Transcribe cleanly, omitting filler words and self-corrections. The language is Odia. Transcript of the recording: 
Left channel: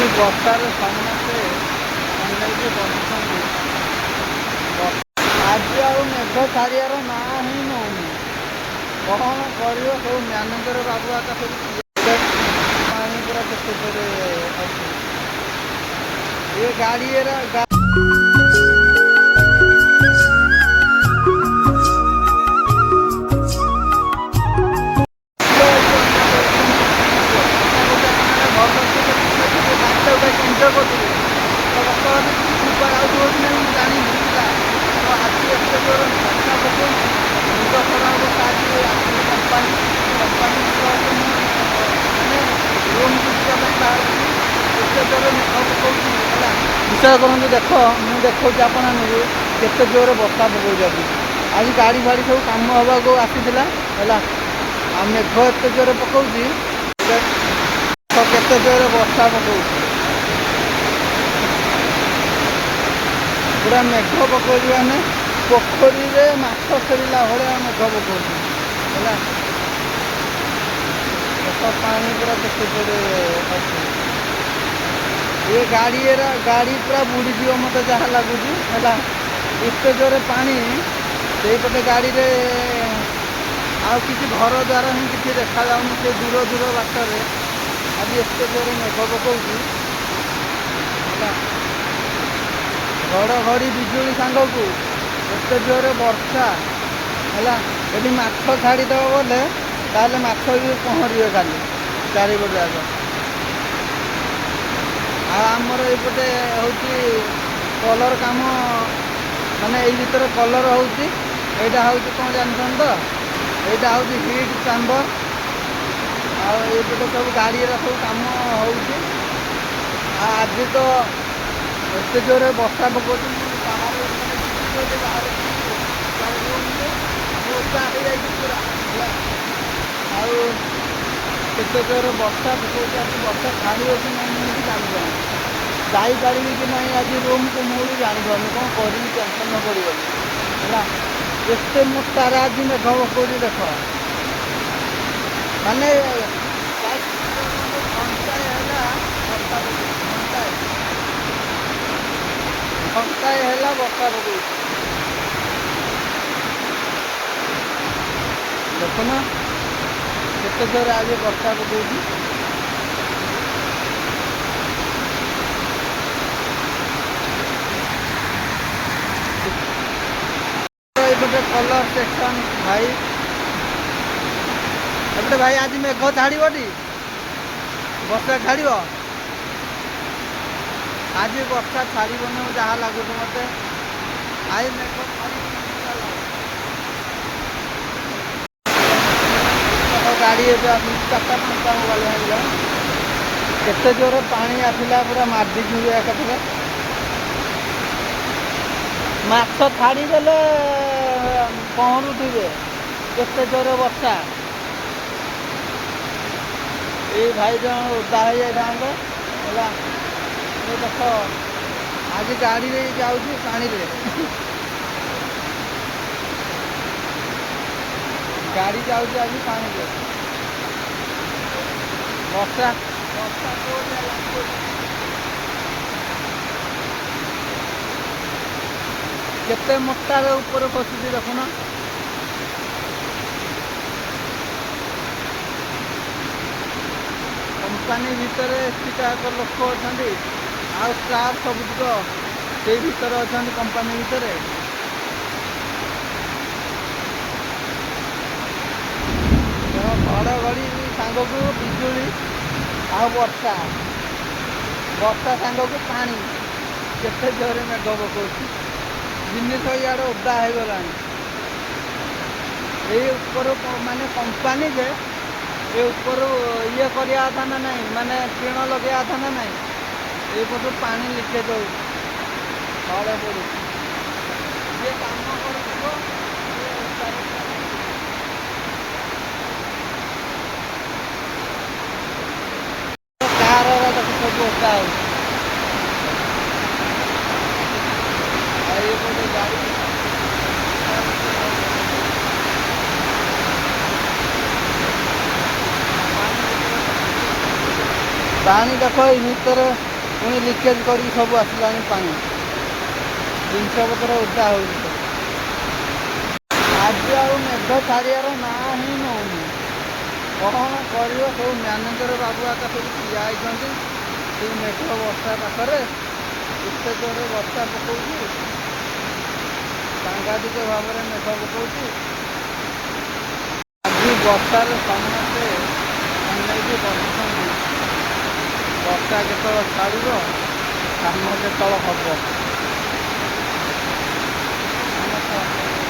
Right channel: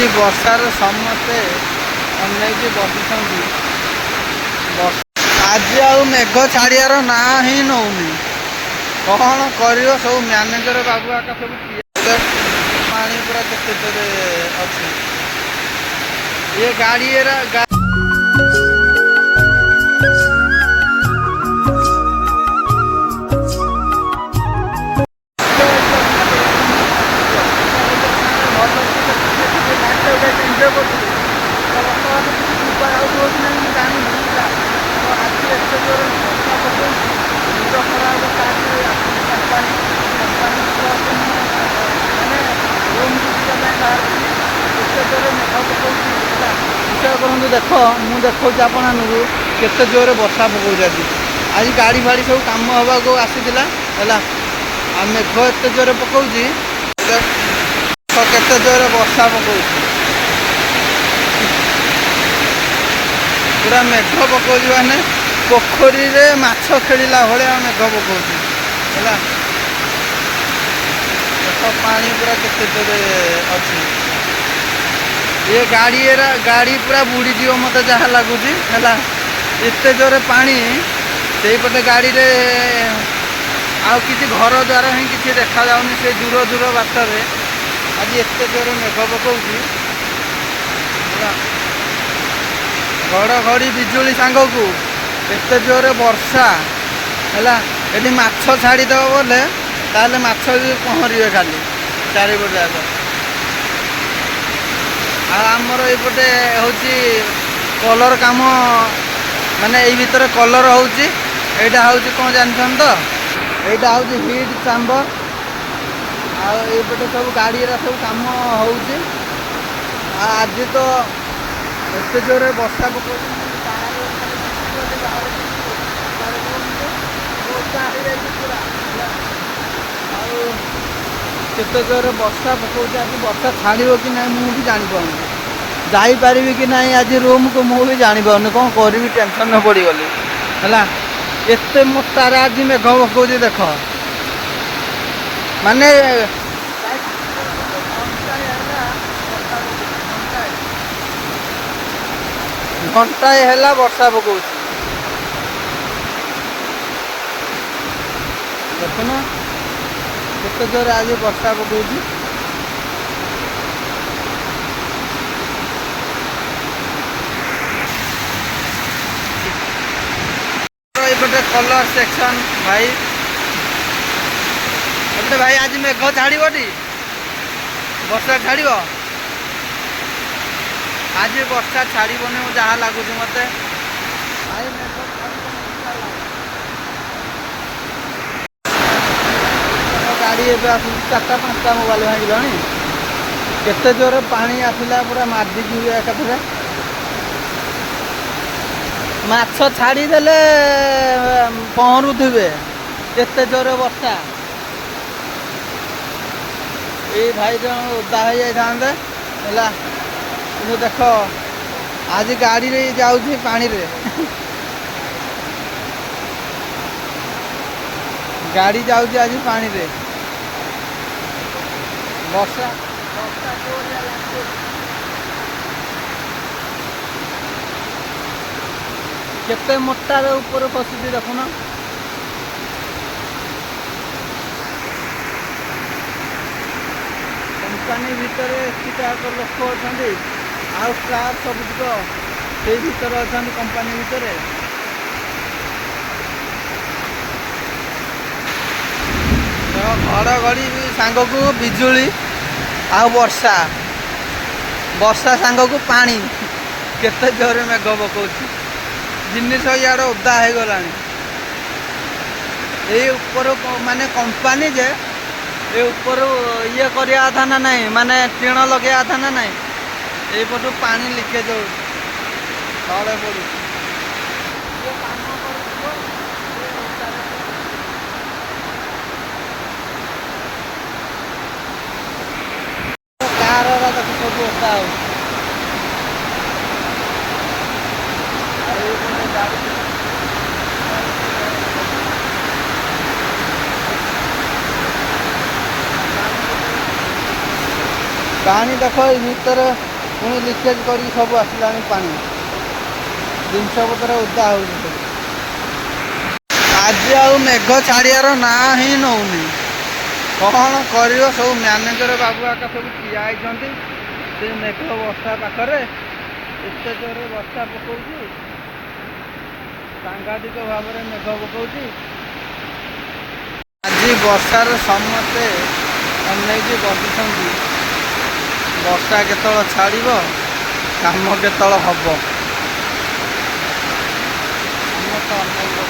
ଆଜି ବର୍ଷାରେ ସମସ୍ତେ ଅନେଇକି ବସୁଛନ୍ତି। ଆଜି ଆଉ ମେଘ ଛାଡ଼ିବାର ନାଁ ହିଁ ନଉନି। କ'ଣ କରିବ ସବୁ ମ୍ୟାନେଜର ବାବୁ ଆକା ସବୁ ପାଣି ପୁରା କେତେ ଜୋରେ ଅଛି। ଏ ଗାଡ଼ି ଏନ୍ଜୟ କରୁଥିଲି ତ ବର୍ତ୍ତମାନ କିଛି ଶୁଭା ଯାଉଥିବ କି ନାହିଁ ମୁଁ ଜାଣିନି ହେଲା। ତ ଆଜି ଏତେ ଜୋରେ ବର୍ଷା ପକଉଛି ମୁଣ୍ଡ ଖରାପ ହେବ। ଆଜି ଆସିଲି କମ୍ପାନୀ ପ୍ଲସ୍ ମୁଁ ମାନେ ରୁମ୍କୁ ଯିବା ପାଇଁ ବାହାରିଥିଲି। ଏତେ ଜୋରେ ମେଘ ପକଉଛି ହେଲା। ବିଶ୍ୱାସ କରନ୍ତୁ, ଦେଖ ମୁଁ ଦେଖାଉଛି ଆପଣମାନଙ୍କୁ କେତେ ଜୋରେ ବର୍ଷା ପକଉଛି ଆଜି ଗାଡ଼ି ଫାଡ଼ି ସବୁ କାମ ହେବାକୁ ଆସିଥିଲା ହେଲା। ଆଉ ମେଘ ଏତେ ଜୋରେ ପକଉଛି, କେତେ ଜୋରେ ବର୍ଷା ପକଉଛି। ପୁରା ମେଘ ପକଉଛି ମାନେ ପୋଖରୀରେ ମାଛ ଖେଳିଲା ଭଳିଆ ମେଘ ପକଉଛି ହେଲା। ଦେଖ ପାଣି ପୁରା କେତେ ଜୋରେ ଅଛି। ଏ ଗାଡ଼ି ପୁରା ବୁଡ଼ିଯିବ ମୋତେ ଯାହା ଲାଗୁଛି ହେଲା। ଏତେ ଜୋରେ ପାଣି, ସେଇପଟେ ଗାଡ଼ିରେ ଆଉ କିଛି ଘର ଦ୍ୱାର ହିଁ କିଛି ଦେଖାଯାଉନି। ସେ ଦୂର ବାଟରେ ଆଜି ଏତେ ଜୋରେ ମେଘ ପକଉଛି ହେଲା। ଘଡ଼ଘଡ଼ି ବିଜୁଳି ସାଙ୍ଗକୁ ଏତେ ଜୋରେ ବର୍ଷା ହେଲା। ଏଠି ମାଛ ଛାଡ଼ିଦେବ ବୋଲେ ତାହେଲେ ମାଛ ବି ପହଁରିବେ ଖାଲି ଚାରିପଟେ ଯାକ। ଆଉ ଆମର ଏଇପଟେ ହେଉଛି କଲର କାମ, ମାନେ ଏଇ ଭିତରେ କଲର ହେଉଛି। ଏଇଟା ହେଉଛି କ'ଣ ଜାଣିଛନ୍ତି ତ, ଏଇଟା ହେଉଛି ହିଟ୍ ଚାମ୍ବର। ଆଉ ଏଇପଟେ ସବୁ ଗାଡ଼ିର ସବୁ କାମ ହେଉଛି। ଆଉ ଆଜି ତ ଏତେ ଜୋରେ ବର୍ଷା ପକଉଛି, ବାହାରେ ଓଦା ହେଇଯାଇଛି ପୁରା ହେଲା। ଆଉ କେତେ ଜୋରେ ବର୍ଷା ପକଉଛି, ଆଜି ବର୍ଷା ଛାଡ଼ିବ କି ନାହିଁ ମୁଁ ବି ଜାଣିପାରୁନି। ଯାଇପାରିବି କି ନାହିଁ ଆଜି ରୁମ୍କୁ ମୁଁ ବି ଜାଣିପାରୁନି। କ'ଣ କରିବି, ଟେନସନ୍ରେ ପଡ଼ିଗଲି ହେଲା। ଏତେ ମୋଟାରେ ଆଜି ମେଘ ପକଉଛି ଦେଖ, ମାନେ ଘଣ୍ଟାଏ ହେଲା ବର୍ଷା ପକଉଛି। ଘଣ୍ଟାଏ ହେଲା ବର୍ଷା ପକଉଛି। ଦେଖୁନ କେତେ ଜୋରେ ଆଜି ବର୍ଷା ପକଉଛି। ଏପଟେ କଲର ସେକ୍ସନ ଭାଇ, ଏପଟେ ଭାଇ ଆଜି ମେଘ ଛାଡ଼ିବଟି? ବର୍ଷା ଛାଡ଼ିବ? ଆଜି ବର୍ଷା ଛାଡ଼ିବନି ଯାହା ଲାଗୁଛି ମୋତେ। ଆଜି ମେଘ ଛାଡ଼ିବନି। ଗାଡ଼ି ଏବେ ଆସୁଛି 4ଟା 5ଟା ମୋବାଇଲ ଭାଙ୍ଗିଲାଣି। କେତେ ଜୋରେ ପାଣି ଆସିଲା, ପୁରା ମାଡ଼ିକି ହୁଏ ଏକାଥରେ। ମାଛ ଛାଡ଼ିଦେଲେ ପହଁରୁଥିବେ, କେତେ ଜୋରେ ବର୍ଷା। ଏଇ ଭାଇ ଜଣ ଓଦା ହେଇଯାଇଥାନ୍ତେ ହେଲା। କିନ୍ତୁ ଦେଖ ଆଜି ଗାଡ଼ିରେ ଯାଉଛି ପାଣିରେ। ଗାଡ଼ି ଯାଉଛି ଆଜି ପାଣିରେ। ବର୍ଷା ଜୋରିଆ ଲାଗୁଛି। କେତେ ମୋଟାରେ ଉପରେ ଖସୁଛି ଦେଖୁନ। କମ୍ପାନୀ ଭିତରେ ଏତିକାକ ଲୋକ ଅଛନ୍ତି, ଆଉ ଷ୍ଟାଫ୍ ସବୁତିକ ସେଇ ଭିତରେ ଅଛନ୍ତି କମ୍ପାନୀ ଭିତରେ। ଘଡ଼ଘଡ଼ି ସାଙ୍ଗକୁ ବିଜୁଳି ଆଉ ବର୍ଷା ସାଙ୍ଗକୁ ପାଣି, କେତେ ଜୋରେ ମେଘ ପକଉଛି। ଜିନିଷ ଇଆଡ଼େ ଓଦା ହେଇଗଲାଣି। ଏଇ ଉପରୁ ମାନେ କମ୍ପାନୀ ଯେ ଏ ଉପରୁ ଇଏ କରିବା କଥା ନା ନାହିଁ, ମାନେ ଟିଣ ଲଗେଇବା କଥା ନା ନାହିଁ। ଏଇପଟୁ ପାଣି ଲିକେଜ୍ ହେଉଛି, ତଳେ ପଡ଼ୁଛି। ଯିଏ କାମ କରୁଥିବ ସିଏ ଓଦାରେ କାର ତାକୁ ସବୁ ଓଦା ହେଉଛି। ଆଉ ଏଇପଟେ ଗାଡ଼ି ପାଣି ଦେଖ ଏଇ ଭିତରେ ପୁଣି ଲିକେଜ୍ କରିକି ସବୁ ଆସିଲାଣି ପାଣି, ଜିନିଷପତ୍ର ଓଦା ହେଉଛି ସବୁ। ଆଜି ଆଉ ମେଘ ଛାଡ଼ିବାର ନାଁ ହିଁ ନେଉନି। କ'ଣ କରିବ, ସବୁ ମ୍ୟାନେଜର ବାବୁ ଆକା ସବୁ ଠିଆ ହେଇଛନ୍ତି ସେ ମେଘ ବର୍ଷା ପାଖରେ। ଏତେ ଜୋରରେ ବର୍ଷା ପକାଉଛି, ସାଂଘାତିକ ଭାବରେ ମେଘ ପକାଉଛି। ଆଜି ବର୍ଷାରେ ସମସ୍ତେ ଅନେଇକି ବସିଛନ୍ତି, ବର୍ଷା କେତେବେଳେ ଛାଡ଼ିବ, କାମ କେତେବେଳେ ହେବ। ସମସ୍ତେ ଅନେଇକି